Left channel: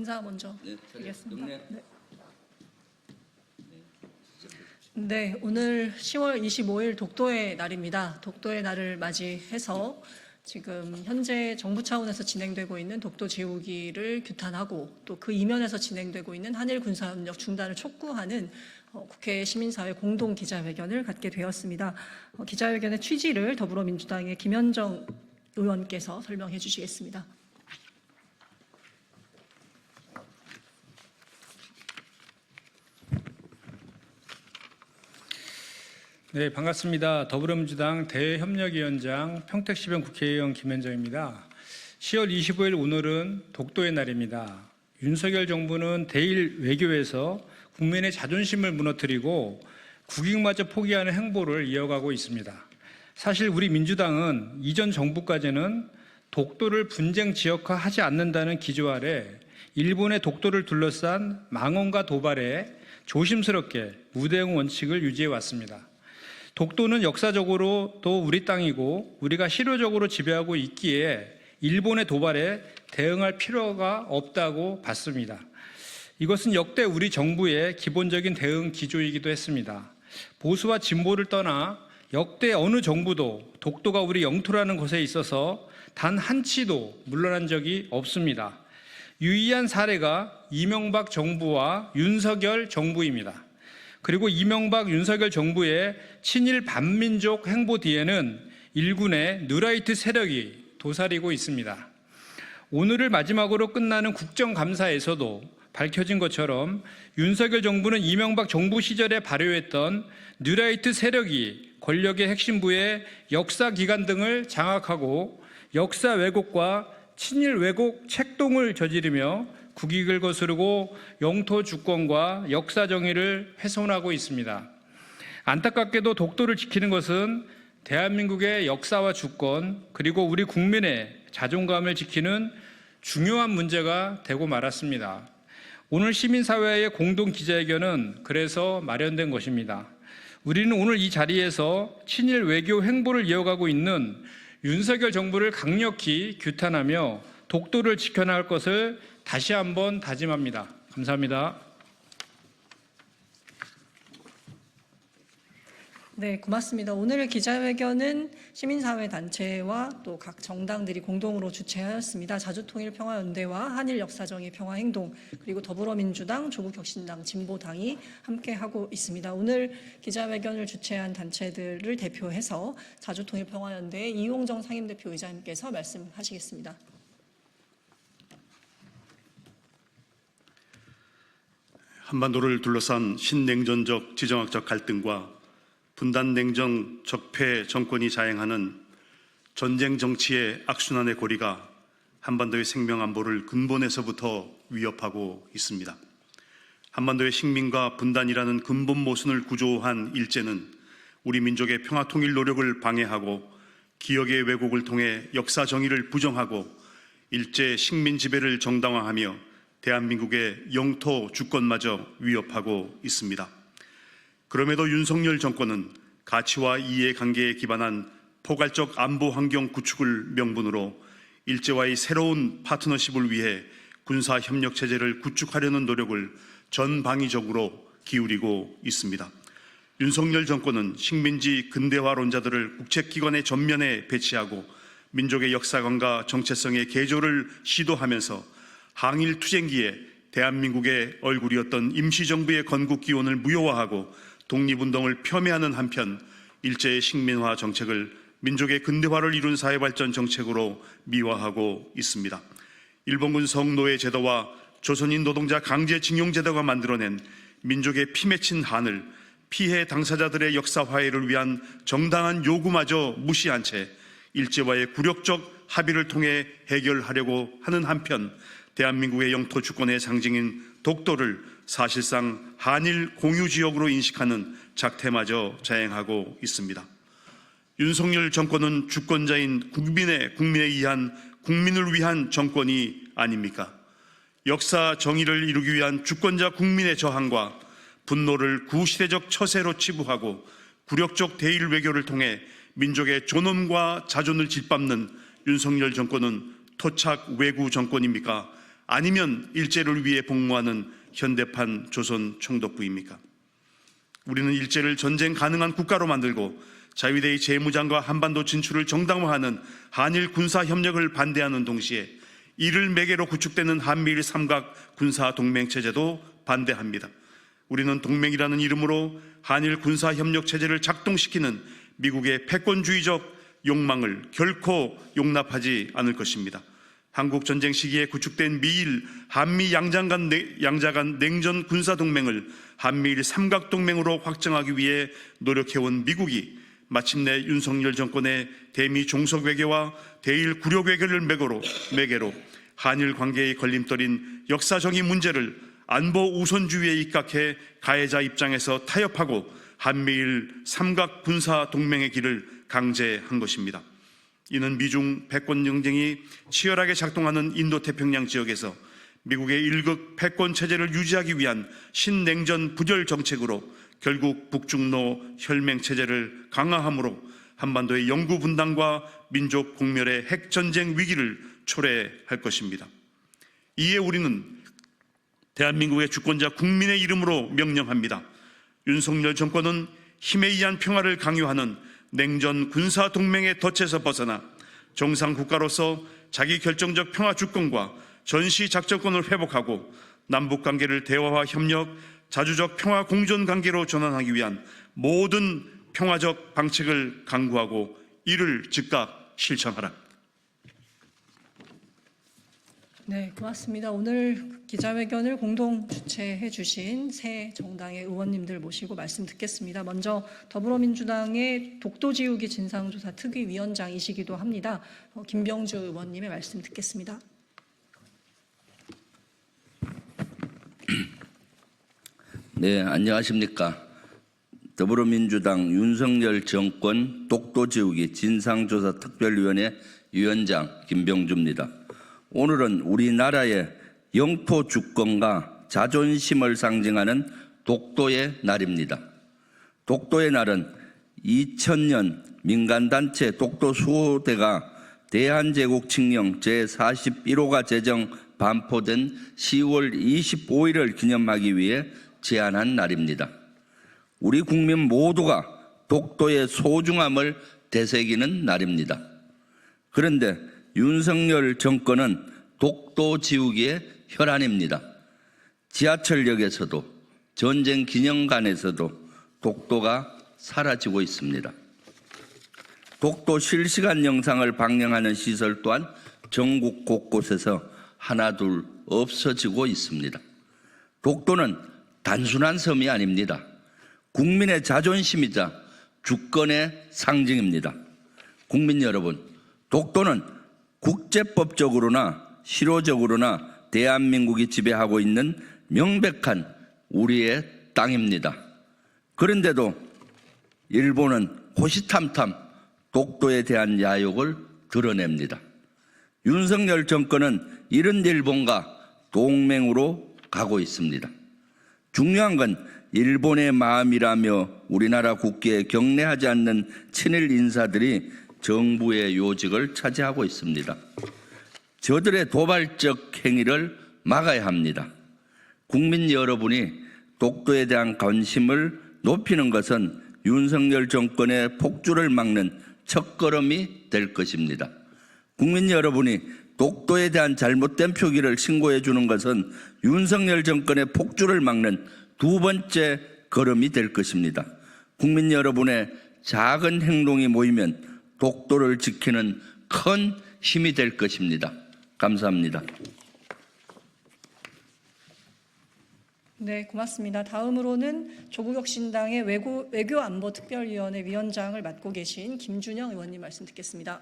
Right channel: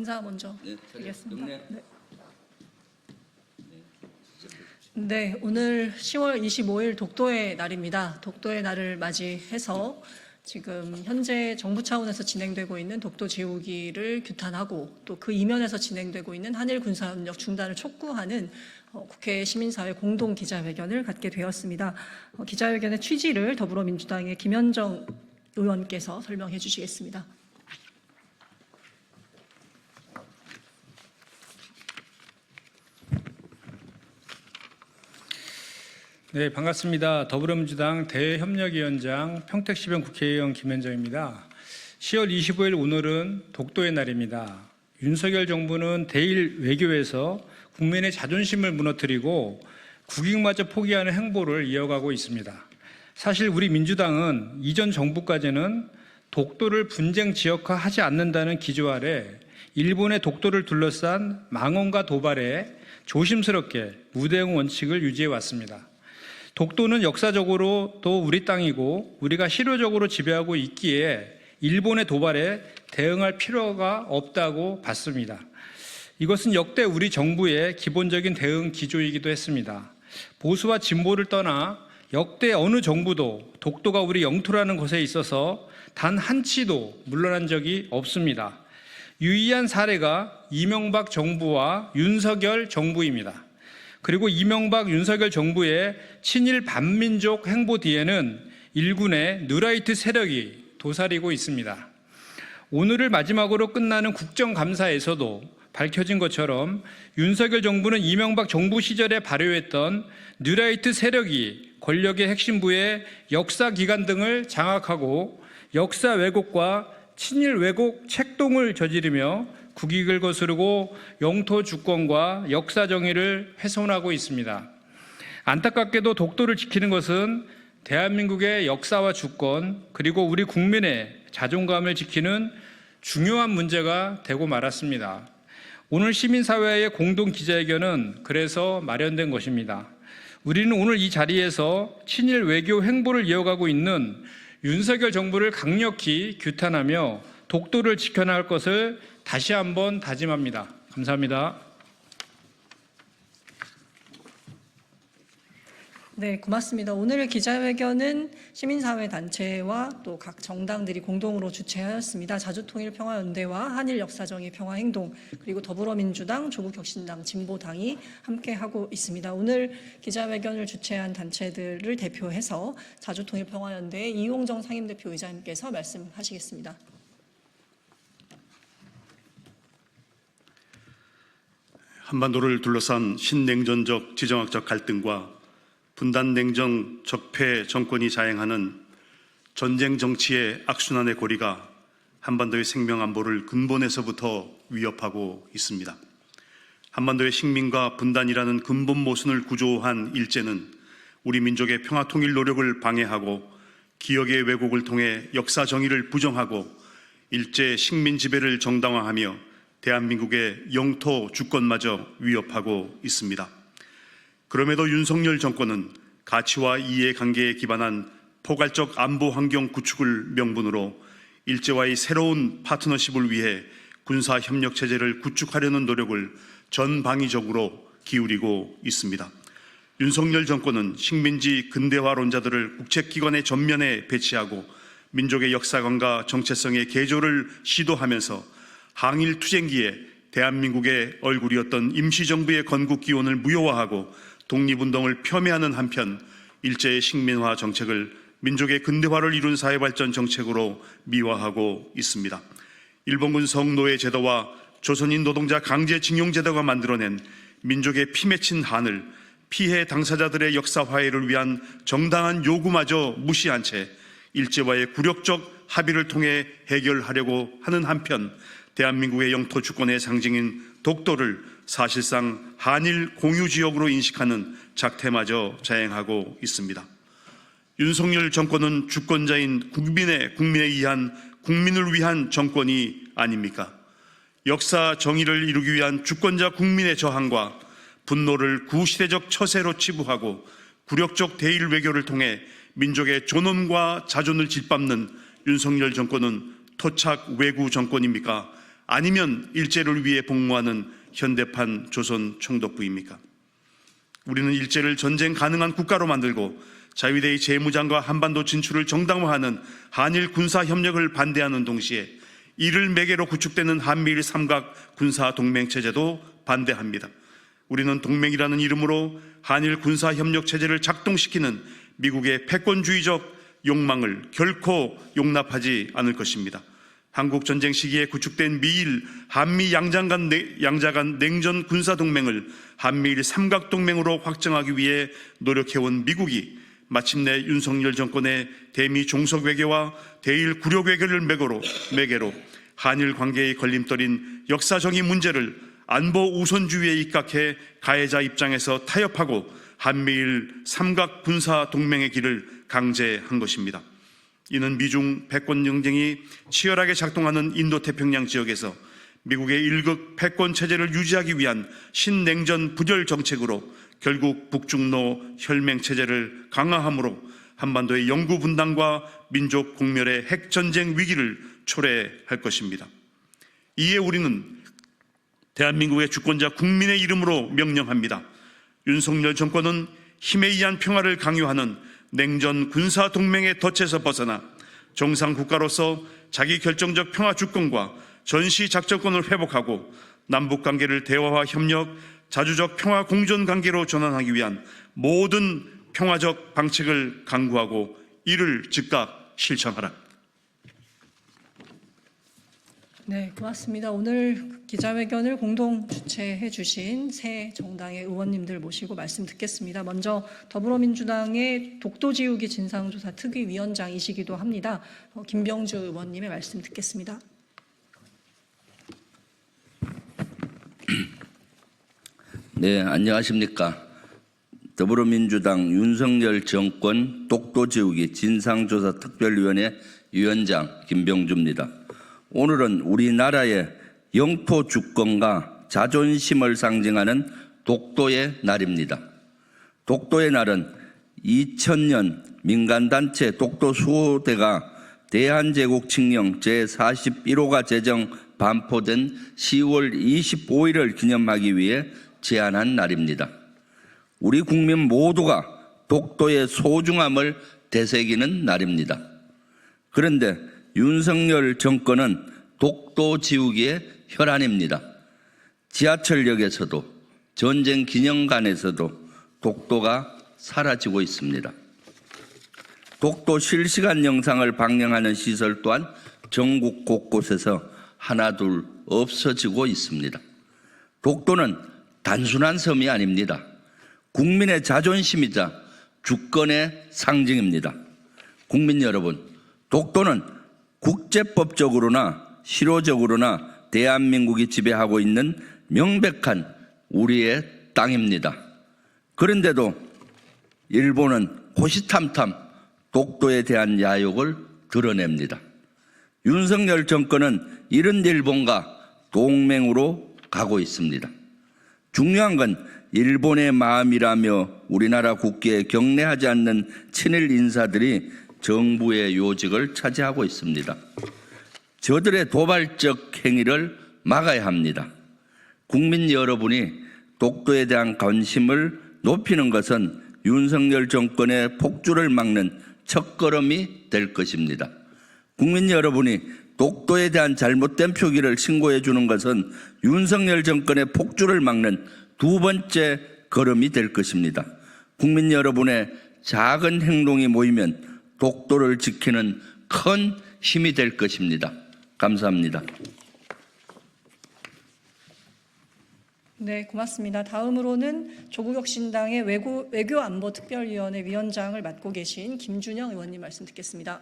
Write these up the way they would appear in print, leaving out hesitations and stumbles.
인사 먼저 드리겠습니다. 네, 오늘 10월 25일 독도의 날입니다. 독도의 날을 맞이해서 지금 현재 정부 차원에서 진행되고 있는 독도 지우기를 규탄하고 또 그 이면에서 진행되고 있는 한일 군사협력 중단을 촉구하는 국회 시민사회 공동 기자회견을 갖게 되었습니다. 기자회견의 취지를 더불어민주당의 김현정 의원께서 설명해 주시겠습니다. 네, 반갑습니다. 더불어민주당 대협력위원장 평택시병 국회의원 김현정입니다. 10월 25일 오늘은 독도의 날입니다. 윤석열 정부는 대일 외교에서 국민의 자존심을 무너뜨리고 국익마저 포기하는 행보를 이어가고 있습니다. 사실 우리 민주당은 이전 정부까지는 독도를 분쟁 지역화하지 않는다는 기조 아래 일본의 독도를 둘러싼 망언과 도발에 조심스럽게 무대응 원칙을 유지해 왔습니다. 독도는 역사적으로 또 우리 땅이고 우리가 실효적으로 지배하고 있기에 일본의 도발에 대응할 필요가 없다고 봤습니다. 이것은 역대 우리 정부의 기본적인 대응 기조이기도 했습니다. 보수와 진보를 떠나 역대 어느 정부도 독도가 우리 영토라는 것에 있어서 단 한치도 물러난 적이 없습니다. 유의한 사례가 이명박 정부와 윤석열 정부입니다. 그리고 이명박 윤석열 정부의 친일 반민족 행보 뒤에는 일군의 뉴라이트 세력이 도사리고 있습니다. 오늘을 마지막으로 끝나는 국정감사에서도 밝혀진 것처럼 윤석열 정부는 이명박 정부 시절에 발효했던 뉴라이트 세력이 권력의 핵심부의 역사기관 등을 장악하고 역사 왜곡과 친일 왜곡 책동을 저지르며 국익을 거스르고 영토 주권과 역사 정의를 훼손하고 있습니다. 안타깝게도 독도를 지키는 것은 대한민국의 역사와 주권 그리고 우리 국민의 자존감을 지키는 중요한 문제가 되고 말았습니다. 오늘 시민사회의 공동 기자회견은 그래서 마련된 것입니다. 우리는 오늘 이 자리에서 친일 외교 행보를 이어가고 있는 윤석열 정부를 강력히 규탄하며 독도를 지켜나갈 것을 다시 한번 다짐합니다. 감사합니다. 네, 고맙습니다. 오늘 기자회견은 시민사회단체와 또 각 정당들이 공동으로 주최하였습니다. 자주통일평화연대와 한일역사정의 평화행동 그리고 더불어민주당, 조국혁신당, 진보당이 함께하고 있습니다. 오늘 기자회견을 주최한 단체들을 대표해서 자주통일평화연대의 이용정 상임대표 의장님께서 말씀하시겠습니다. 한반도를 둘러싼 신냉전적 지정학적 갈등과 분단냉정 적폐 정권이 자행하는 전쟁 정치의 악순환의 고리가 한반도의 생명 안보를 근본에서부터 위협하고 있습니다. 한반도의 식민과 분단이라는 근본 모순을 구조한 일제는 우리 민족의 평화 통일 노력을 방해하고 기억의 왜곡을 통해 역사 정의를 부정하고 일제 식민 지배를 정당화하며 대한민국의 영토 주권마저 위협하고 있습니다. 그럼에도 윤석열 정권은 가치와 이해관계에 기반한 포괄적 안보 환경 구축을 명분으로 일제와의 새로운 파트너십을 위해 군사협력 체제를 구축하려는 노력을 전방위적으로 기울이고 있습니다. 윤석열 정권은 식민지 근대화론자들을 국책기관의 전면에 배치하고 민족의 역사관과 정체성의 개조를 시도하면서 항일 투쟁기에 대한민국의 얼굴이었던 임시정부의 건국 기원을 무효화하고 독립운동을 폄훼하는 한편 일제의 식민화 정책을 민족의 근대화를 이룬 사회발전 정책으로 미화하고 있습니다. 일본군 성노예 제도와 조선인 노동자 강제징용 제도가 만들어낸 민족의 피 맺힌 한을 피해 당사자들의 역사 화해를 위한 정당한 요구마저 무시한 채 일제와의 굴욕적 합의를 통해 해결하려고 하는 한편 대한민국의 영토 주권의 상징인 독도를 사실상 한일 공유지역으로 인식하는 작태마저 자행하고 있습니다. 윤석열 정권은 주권자인 국민에 의한 국민을 위한 정권이 아닙니까? 역사 정의를 이루기 위한 주권자 국민의 저항과 분노를 구시대적 처세로 치부하고 굴욕적 대일 외교를 통해 민족의 존엄과 자존을 짓밟는 윤석열 정권은 토착 외구 정권입니까? 아니면 일제를 위해 복무하는 현대판 조선 총독부입니까? 우리는 일제를 전쟁 가능한 국가로 만들고 자위대의 재무장과 한반도 진출을 정당화하는 한일 군사 협력을 반대하는 동시에 이를 매개로 구축되는 한미일 삼각 군사 동맹 체제도 반대합니다. 우리는 동맹이라는 이름으로 한일 군사 협력 체제를 작동시키는 미국의 패권주의적 욕망을 결코 용납하지 않을 것입니다. 한국 전쟁 시기에 구축된 미일 한미 양자 간 냉전 군사 동맹을 한미일 삼각 동맹으로 확정하기 위해 노력해온 미국이 마침내 윤석열 정권의 대미 종속 외교와 대일 굴욕 외교를 매개로 한일 관계의 걸림돌인 역사적인 문제를 안보 우선주의에 입각해 가해자 입장에서 타협하고 한미일 삼각 군사 동맹의 길을 강제한 것입니다. 이는 미중 패권 경쟁이 치열하게 작동하는 인도태평양 지역에서 미국의 일극 패권 체제를 유지하기 위한 신냉전 부결 정책으로 결국 북중로 혈맹 체제를 강화함으로 한반도의 영구 분단과 민족 공멸의 핵전쟁 위기를 초래할 것입니다. 이에 우리는 대한민국의 주권자 국민의 이름으로 명령합니다. 윤석열 정권은 힘에 의한 평화를 강요하는 냉전 군사 동맹의 덫에서 벗어나 정상 국가로서 자기 결정적 평화 주권과 전시 작전권을 회복하고 남북 관계를 대화와 협력, 자주적 평화 공존 관계로 전환하기 위한 모든 평화적 방책을 강구하고 이를 즉각 실천하라. 네, 고맙습니다. 오늘 기자회견을 공동 주최해 주신 새 정당의 의원님들 모시고 말씀 듣겠습니다. 먼저 더불어민주당의 독도지우기 진상조사 특위위원장이시기도 합니다. 김병주 의원님의 말씀 듣겠습니다. 네, 안녕하십니까. 더불어민주당 윤석열 정권 독도지우기 진상조사 특별위원회 위원장 김병주입니다. 오늘은 우리나라의 영토 주권과 자존심을 상징하는 독도의 날입니다. 독도의 날은 2000년 민간단체 독도수호대가 대한제국 칙령 제41호가 제정 반포된 10월 25일을 기념하기 위해 제안한 날입니다. 우리 국민 모두가 독도의 소중함을 되새기는 날입니다. 그런데 윤석열 정권은 독도 지우기의 혈안입니다. 지하철역에서도 전쟁 기념관에서도 독도가 사라지고 있습니다. 독도 실시간 영상을 방영하는 시설 또한 전국 곳곳에서 하나둘 없어지고 있습니다. 독도는 단순한 섬이 아닙니다. 국민의 자존심이자 주권의 상징입니다. 국민 여러분, 독도는 국제법적으로나 실효적으로나 대한민국이 지배하고 있는 명백한 우리의 땅입니다. 그런데도 일본은 호시탐탐 독도에 대한 야욕을 드러냅니다. 윤석열 정권은 이런 일본과 동맹으로 가고 있습니다. 중요한 건 일본의 마음이라며 우리나라 국회에 경례하지 않는 친일 인사들이 정부의 요직을 차지하고 있습니다. 저들의 도발적 행위를 막아야 합니다. 국민 여러분이 독도에 대한 관심을 높이는 것은 윤석열 정권의 폭주를 막는 첫걸음이 될 것입니다. 국민 여러분이 독도에 대한 잘못된 표기를 신고해 주는 것은 윤석열 정권의 폭주를 막는 두 번째 걸음이 될 것입니다. 국민 여러분의 작은 행동이 모이면 독도를 지키는 큰 힘이 될 것입니다. 감사합니다. 네, 고맙습니다. 다음으로는 조국혁신당의 외교안보특별위원회 위원장을 맡고 계신 김준영 의원님 말씀 듣겠습니다.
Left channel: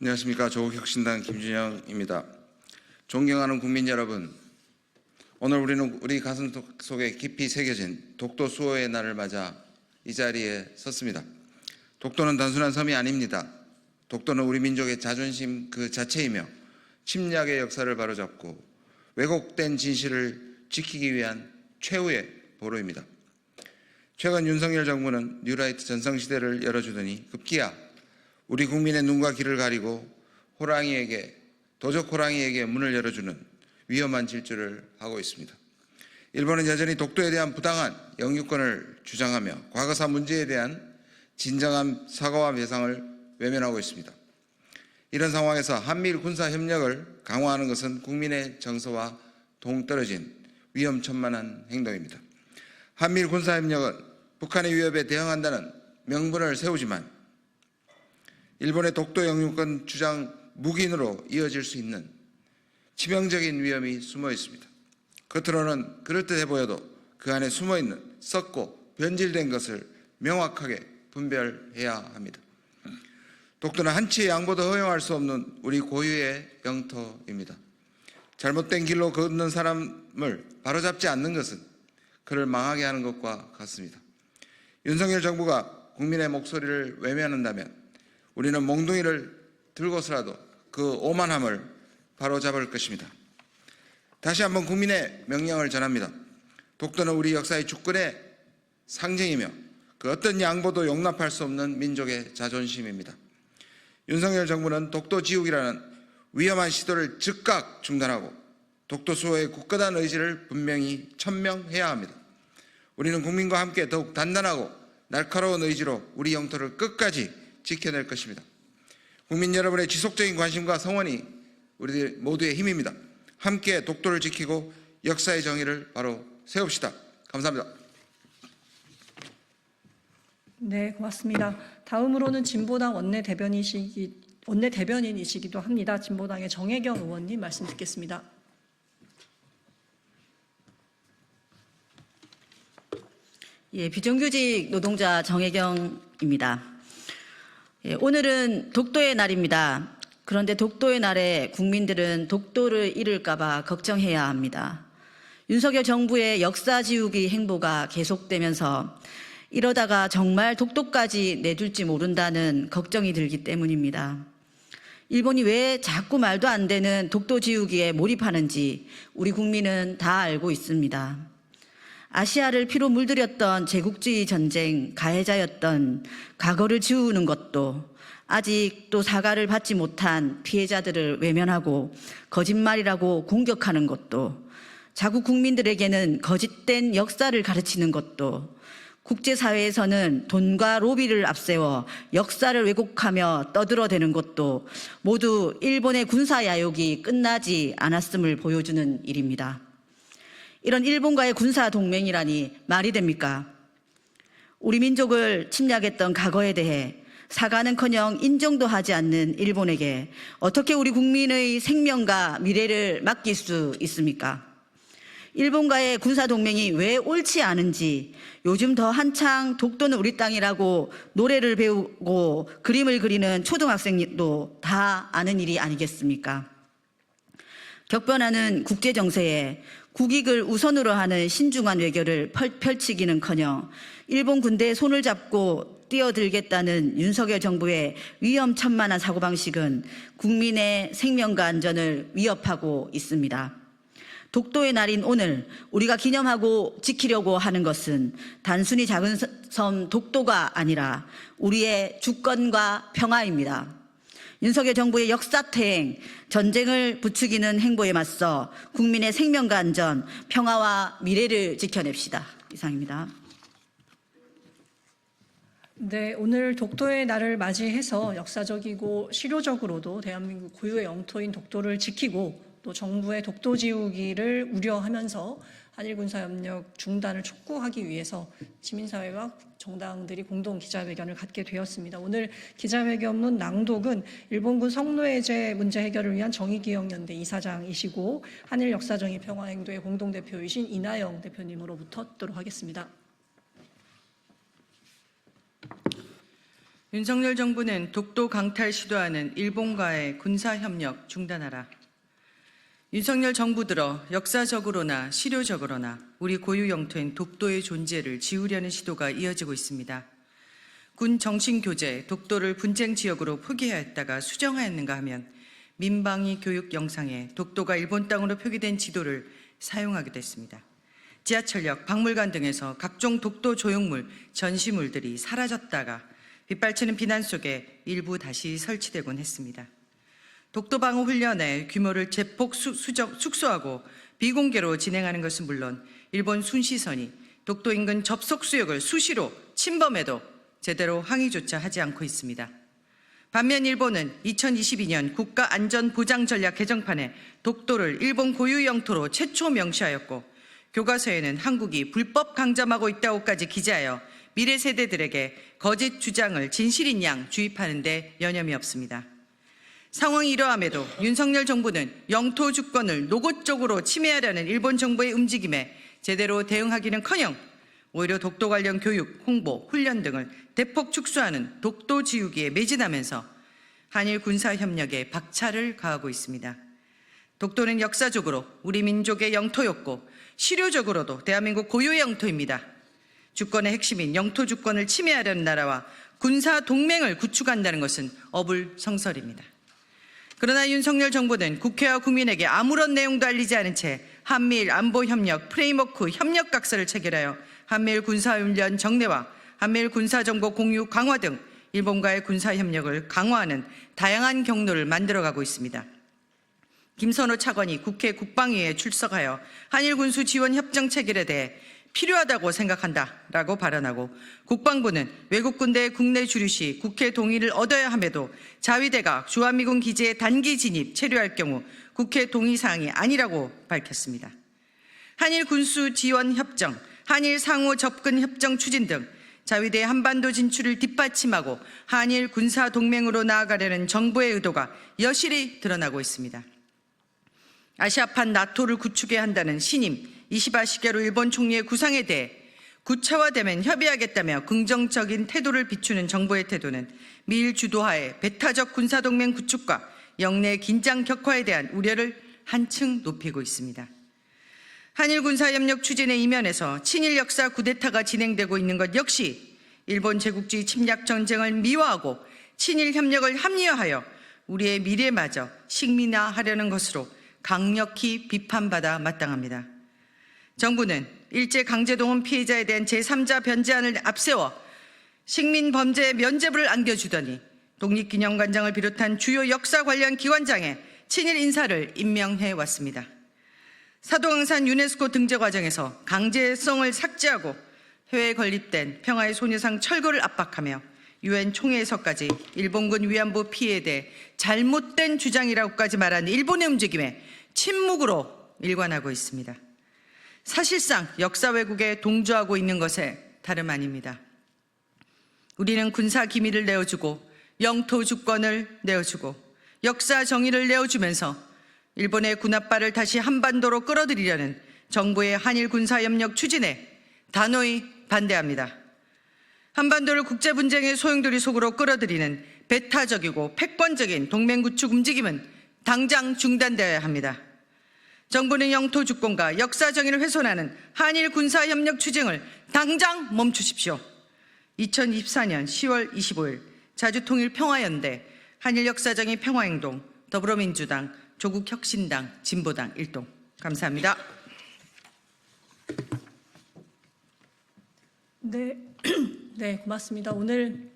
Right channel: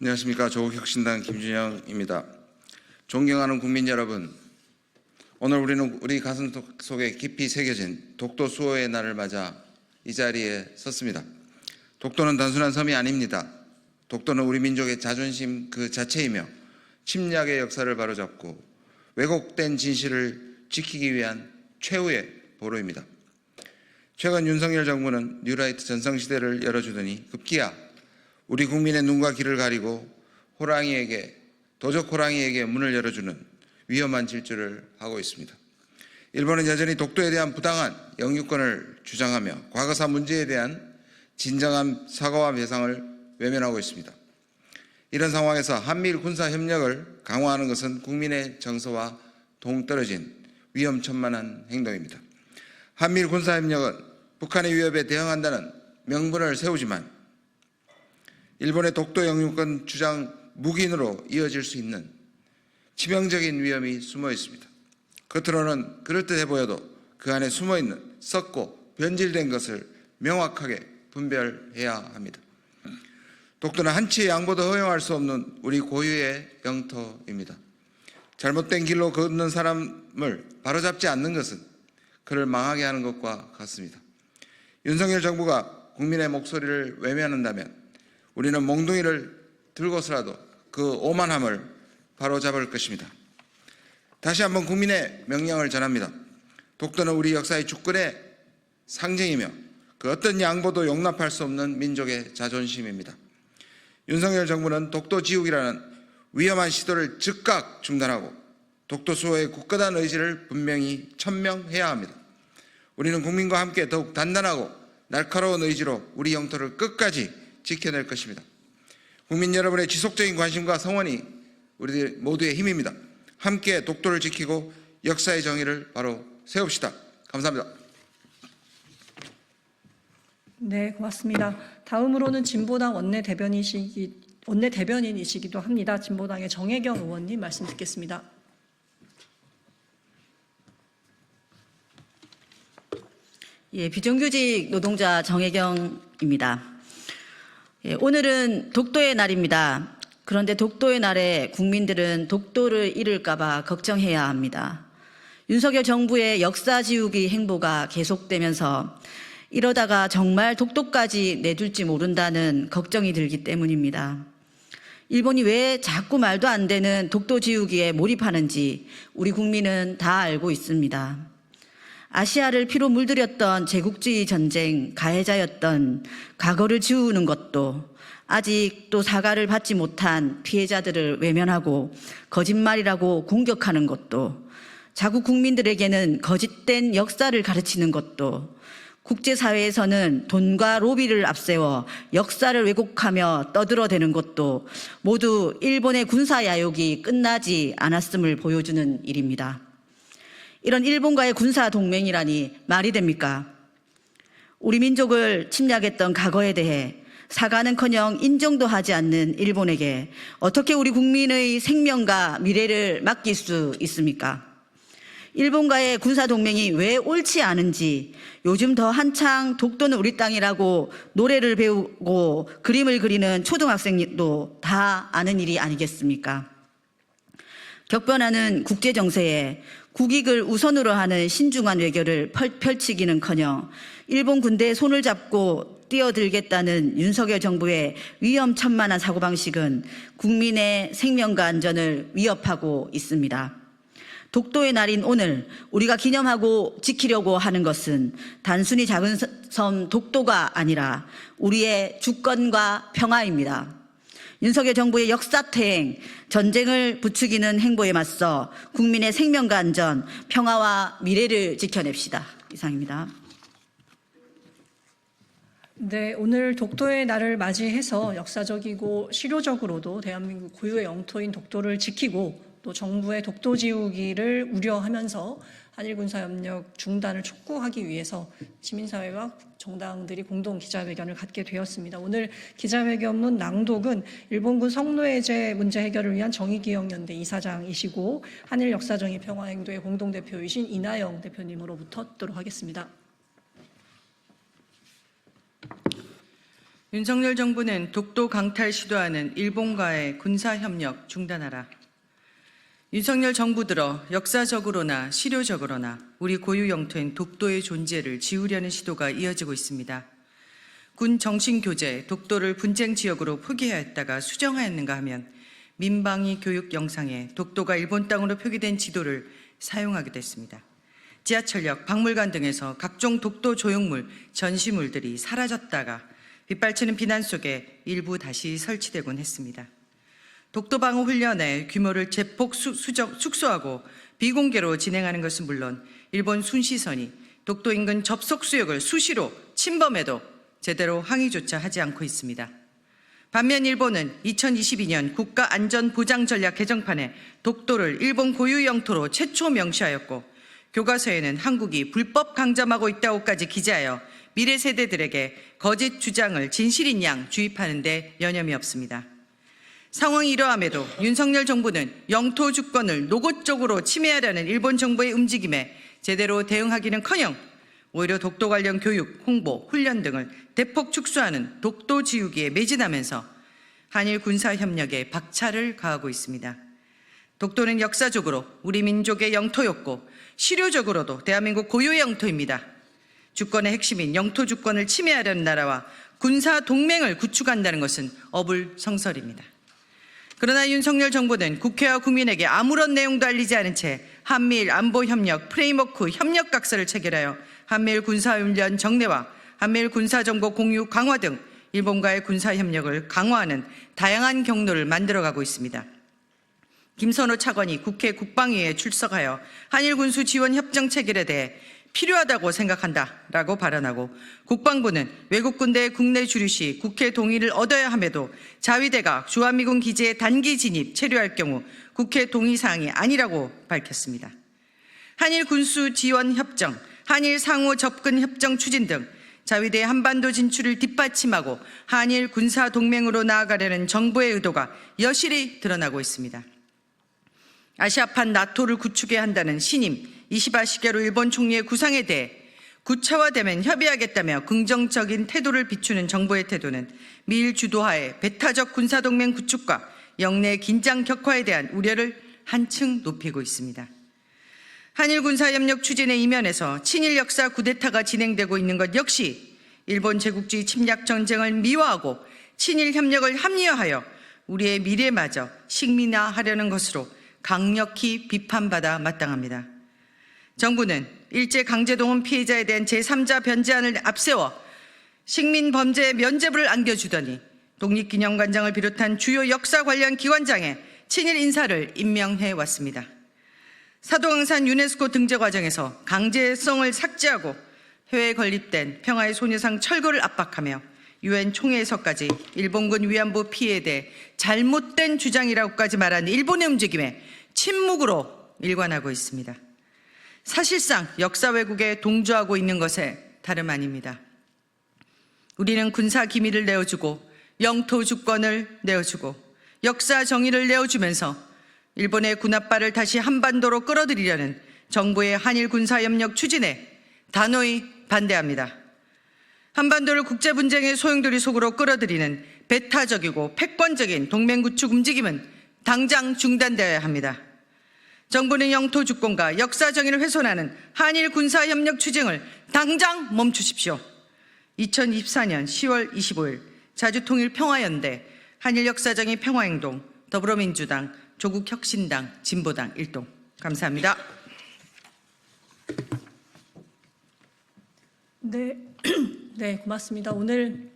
안녕하십니까. 조국혁신당 김준영입니다. 존경하는 국민 여러분, 오늘 우리는 우리 가슴 속에 깊이 새겨진 독도 수호의 날을 맞아 이 자리에 섰습니다. 독도는 단순한 섬이 아닙니다. 독도는 우리 민족의 자존심 그 자체이며 침략의 역사를 바로잡고 왜곡된 진실을 지키기 위한 최후의 보루입니다. 최근 윤석열 정부는 뉴라이트 전성시대를 열어주더니 급기야 우리 국민의 눈과 귀를 가리고 도적 호랑이에게 문을 열어주는 위험한 질주를 하고 있습니다. 일본은 여전히 독도에 대한 부당한 영유권을 주장하며 과거사 문제에 대한 진정한 사과와 배상을 외면하고 있습니다. 이런 상황에서 한미일 군사 협력을 강화하는 것은 국민의 정서와 동떨어진 위험천만한 행동입니다. 한미일 군사 협력은 북한의 위협에 대응한다는 명분을 세우지만 일본의 독도 영유권 주장 묵인으로 이어질 수 있는 치명적인 위험이 숨어 있습니다. 겉으로는 그럴듯해 보여도 그 안에 숨어 있는 썩고 변질된 것을 명확하게 분별해야 합니다. 독도는 한치의 양보도 허용할 수 없는 우리 고유의 영토입니다. 잘못된 길로 걷는 사람을 바로잡지 않는 것은 그를 망하게 하는 것과 같습니다. 윤석열 정부가 국민의 목소리를 외면한다면 우리는 몽둥이를 들고서라도 그 오만함을 바로잡을 것입니다. 다시 한번 국민의 명령을 전합니다. 독도는 우리 역사의 주권의 상징이며 그 어떤 양보도 용납할 수 없는 민족의 자존심입니다. 윤석열 정부는 독도 지우기라는 위험한 시도를 즉각 중단하고 독도 수호의 굳건한 의지를 분명히 천명해야 합니다. 우리는 국민과 함께 더욱 단단하고 날카로운 의지로 우리 영토를 끝까지 지켜낼 것입니다. 국민 여러분의 지속적인 관심과 성원이 우리들 모두의 힘입니다. 함께 독도를 지키고 역사의 정의를 바로 세웁시다. 감사합니다. 네, 고맙습니다. 다음으로는 진보당 원내대변인이시기도 합니다. 진보당의 정혜경 의원님 말씀 듣겠습니다. 예, 비정규직 노동자 정혜경입니다. 예, 오늘은 독도의 날입니다. 그런데 독도의 날에 국민들은 독도를 잃을까봐 걱정해야 합니다. 윤석열 정부의 역사 지우기 행보가 계속되면서 이러다가 정말 독도까지 내둘지 모른다는 걱정이 들기 때문입니다. 일본이 왜 자꾸 말도 안 되는 독도 지우기에 몰입하는지 우리 국민은 다 알고 있습니다. 아시아를 피로 물들였던 제국주의 전쟁 가해자였던 과거를 지우는 것도 아직도 사과를 받지 못한 피해자들을 외면하고 거짓말이라고 공격하는 것도 자국 국민들에게는 거짓된 역사를 가르치는 것도 국제사회에서는 돈과 로비를 앞세워 역사를 왜곡하며 떠들어대는 것도 모두 일본의 군사야욕이 끝나지 않았음을 보여주는 일입니다. 이런 일본과의 군사동맹이라니 말이 됩니까? 우리 민족을 침략했던 과거에 대해 사과는커녕 인정도 하지 않는 일본에게 어떻게 우리 국민의 생명과 미래를 맡길 수 있습니까? 일본과의 군사동맹이 왜 옳지 않은지 요즘 더 한창 독도는 우리 땅이라고 노래를 배우고 그림을 그리는 초등학생도 다 아는 일이 아니겠습니까? 격변하는 국제정세에 국익을 우선으로 하는 신중한 외교를 펼치기는커녕 일본 군대의 손을 잡고 뛰어들겠다는 윤석열 정부의 위험천만한 사고방식은 국민의 생명과 안전을 위협하고 있습니다. 독도의 날인 오늘 우리가 기념하고 지키려고 하는 것은 단순히 작은 섬 독도가 아니라 우리의 주권과 평화입니다. 윤석열 정부의 역사퇴행, 전쟁을 부추기는 행보에 맞서 국민의 생명과 안전, 평화와 미래를 지켜냅시다. 이상입니다. 네, 오늘 독도의 날을 맞이해서 역사적이고 실효적으로도 대한민국 고유의 영토인 독도를 지키고 또 정부의 독도 지우기를 우려하면서 한일 군사협력 중단을 촉구하기 위해서 시민사회와 정당들이 공동 기자회견을 갖게 되었습니다. 오늘 기자회견문 낭독은 일본군 성노예제 문제 해결을 위한 정의기억연대 이사장이시고 한일 역사정의 평화행도의 공동대표이신 이나영 대표님으로부터 듣도록 하겠습니다. 윤석열 정부는 독도 강탈 시도하는 일본과의 군사협력 중단하라. 윤석열 정부 들어 역사적으로나 실효적으로나 우리 고유 영토인 독도의 존재를 지우려는 시도가 이어지고 있습니다. 군 정신교재 독도를 분쟁 지역으로 표기하였다가 수정하였는가 하면 민방위 교육 영상에 독도가 일본 땅으로 표기된 지도를 사용하기도 했습니다. 지하철역, 박물관 등에서 각종 독도 조형물, 전시물들이 사라졌다가 빗발치는 비난 속에 일부 다시 설치되곤 했습니다. 독도 방어 훈련의 규모를 제폭 축소하고 비공개로 진행하는 것은 물론 일본 순시선이 독도 인근 접속 수역을 수시로 침범해도 제대로 항의조차 하지 않고 있습니다. 반면 일본은 2022년 국가안전보장전략 개정판에 독도를 일본 고유 영토로 최초 명시하였고 교과서에는 한국이 불법 강점하고 있다고까지 기재하여 미래 세대들에게 거짓 주장을 진실인 양 주입하는 데 여념이 없습니다. 상황이 이러함에도 윤석열 정부는 영토 주권을 노골적으로 침해하려는 일본 정부의 움직임에 제대로 대응하기는커녕 오히려 독도 관련 교육, 홍보, 훈련 등을 대폭 축소하는 독도 지우기에 매진하면서 한일 군사협력에 박차를 가하고 있습니다. 독도는 역사적으로 우리 민족의 영토였고 실효적으로도 대한민국 고유의 영토입니다. 주권의 핵심인 영토 주권을 침해하려는 나라와 군사 동맹을 구축한다는 것은 어불성설입니다. 그러나 윤석열 정부는 국회와 국민에게 아무런 내용도 알리지 않은 채 한미일 안보협력 프레임워크 협력각서를 체결하여 한미일 군사훈련 정례와 한미일 군사정보 공유 강화 등 일본과의 군사협력을 강화하는 다양한 경로를 만들어가고 있습니다. 김선호 차관이 국회 국방위에 출석하여 한일 군수 지원 협정 체결에 대해 필요하다고 생각한다라고 발언하고 국방부는 외국 군대의 국내 주류 시 국회 동의를 얻어야 함에도 자위대가 주한미군 기지에 단기 진입, 체류할 경우 국회 동의 사항이 아니라고 밝혔습니다. 한일 군수 지원 협정, 한일 상호 접근 협정 추진 등 자위대의 한반도 진출을 뒷받침하고 한일 군사 동맹으로 나아가려는 정부의 의도가 여실히 드러나고 있습니다. 아시아판 나토를 구축해야 한다는 신임 이시바 시게루 일본 총리의 구상에 대해 구체화되면 협의하겠다며 긍정적인 태도를 비추는 정부의 태도는 미일 주도하에 배타적 군사동맹 구축과 영내 긴장 격화에 대한 우려를 한층 높이고 있습니다. 한일 군사협력 추진의 이면에서 친일 역사 쿠데타가 진행되고 있는 것 역시 일본 제국주의 침략 전쟁을 미화하고 친일 협력을 합리화하여 우리의 미래마저 식민화하려는 것으로 강력히 비판받아 마땅합니다. 정부는 일제강제동원 피해자에 대한 제3자 변제안을 앞세워 식민범죄 면죄부를 안겨주더니 독립기념관장을 비롯한 주요 역사 관련 기관장에 친일 인사를 임명해 왔습니다. 사도강산 유네스코 등재 과정에서 강제성을 삭제하고 해외에 건립된 평화의 소녀상 철거를 압박하며 유엔 총회에서까지 일본군 위안부 피해에 대해 잘못된 주장이라고까지 말한 일본의 움직임에 침묵으로 일관하고 있습니다. 사실상 역사 왜곡에 동조하고 있는 것에 다름 아닙니다. 우리는 군사 기밀을 내어주고 영토 주권을 내어주고 역사 정의를 내어주면서 일본의 군합발을 다시 한반도로 끌어들이려는 정부의 한일 군사협력 추진에 단호히 반대합니다. 한반도를 국제분쟁의 소용돌이 속으로 끌어들이는 배타적이고 패권적인 동맹 구축 움직임은 당장 중단되어야 합니다. 정부는 영토 주권과 역사 정의를 훼손하는 한일 군사협력 추진을 당장 멈추십시오. 2024년 10월 25일 자주통일평화연대 한일역사정의 평화행동 더불어민주당 조국혁신당 진보당 일동 감사합니다. 네, 고맙습니다. 오늘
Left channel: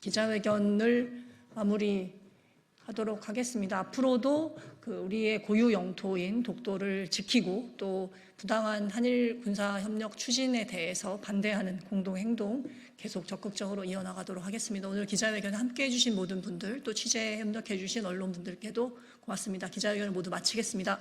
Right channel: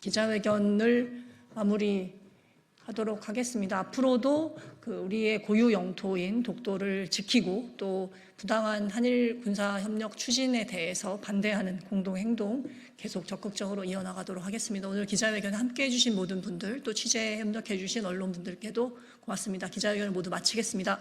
기자회견을 마무리하도록 하겠습니다. 앞으로도 우리의 고유 영토인 독도를 지키고 또 부당한 한일 군사협력 추진에 대해서 반대하는 공동행동 계속 적극적으로 이어나가도록 하겠습니다. 오늘 기자회견에 함께해 주신 모든 분들 또 취재에 협력해 주신 언론분들께도 고맙습니다. 기자회견을 모두 마치겠습니다.